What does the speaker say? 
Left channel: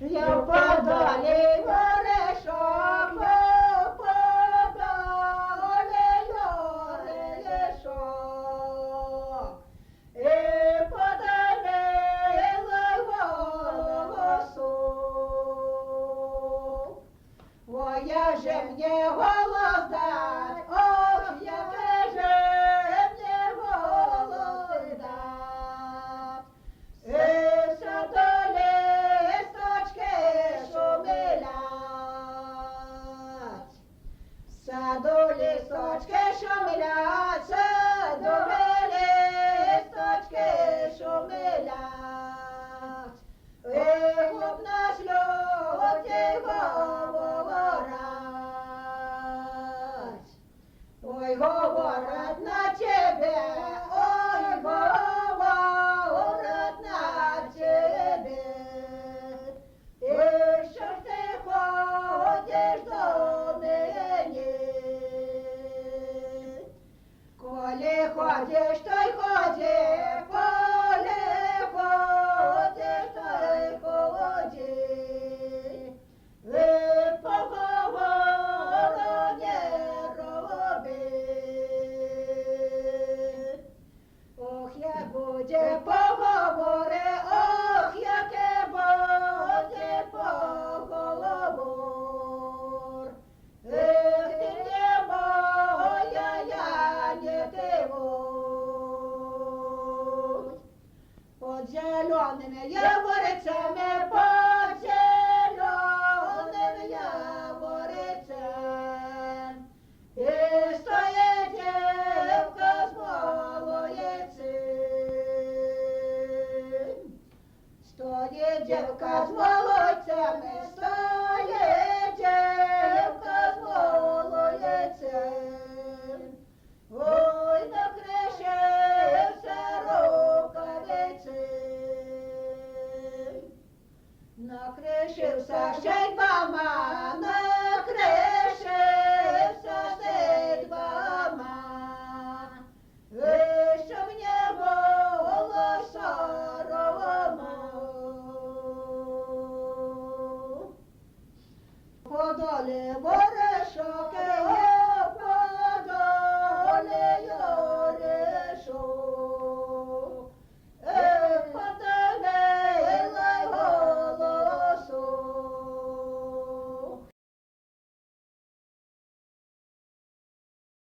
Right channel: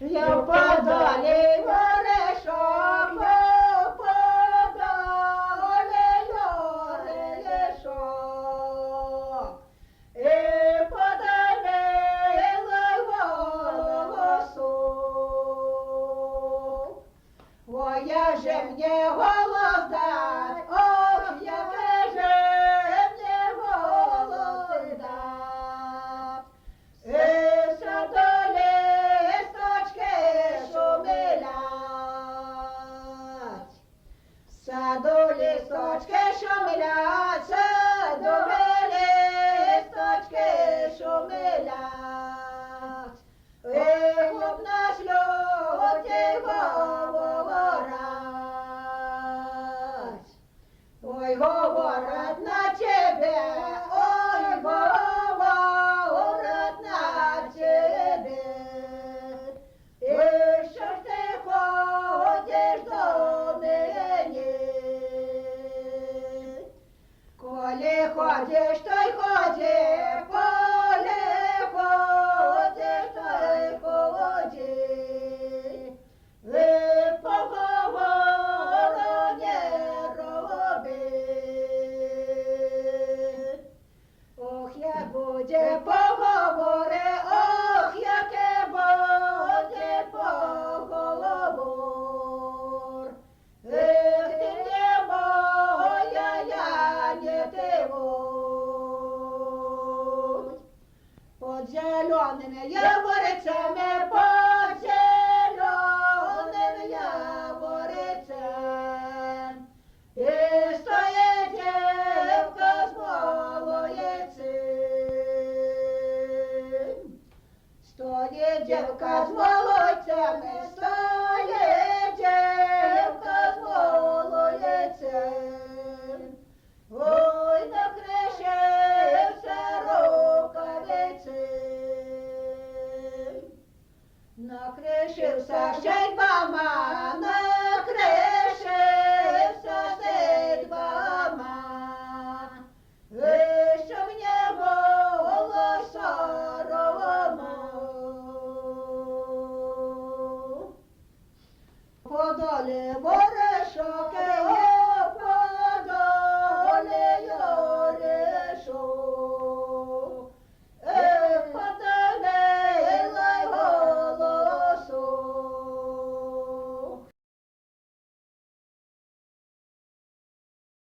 Я подалі верешок, подалі верешок, і подалі голосу. Ой, я же мне голос дать, ох, яке же мне голос дать. Саду листочки шумлять, саду листочки шумлять, саду листочки шумлять. Ох, нас люди говорять, ой, говорять на тебе, ой, говорять на тебе. І що ж ти ходиш до нині? Коли ходиш, то й ходи, коли ходиш, то й ходи. Ви поговору не роби. Ох, як буде поговори, ох, яке буде поговор. Ех, ти не моя, я не ти мой. Под зелеными яворицями, под зелеными яворицями, і стоїть дівка з молодцем. Стоїть дівка з молодцями, стоїть дівка з молодцем. Ой, накришився рукавиці, накришився ще й мама.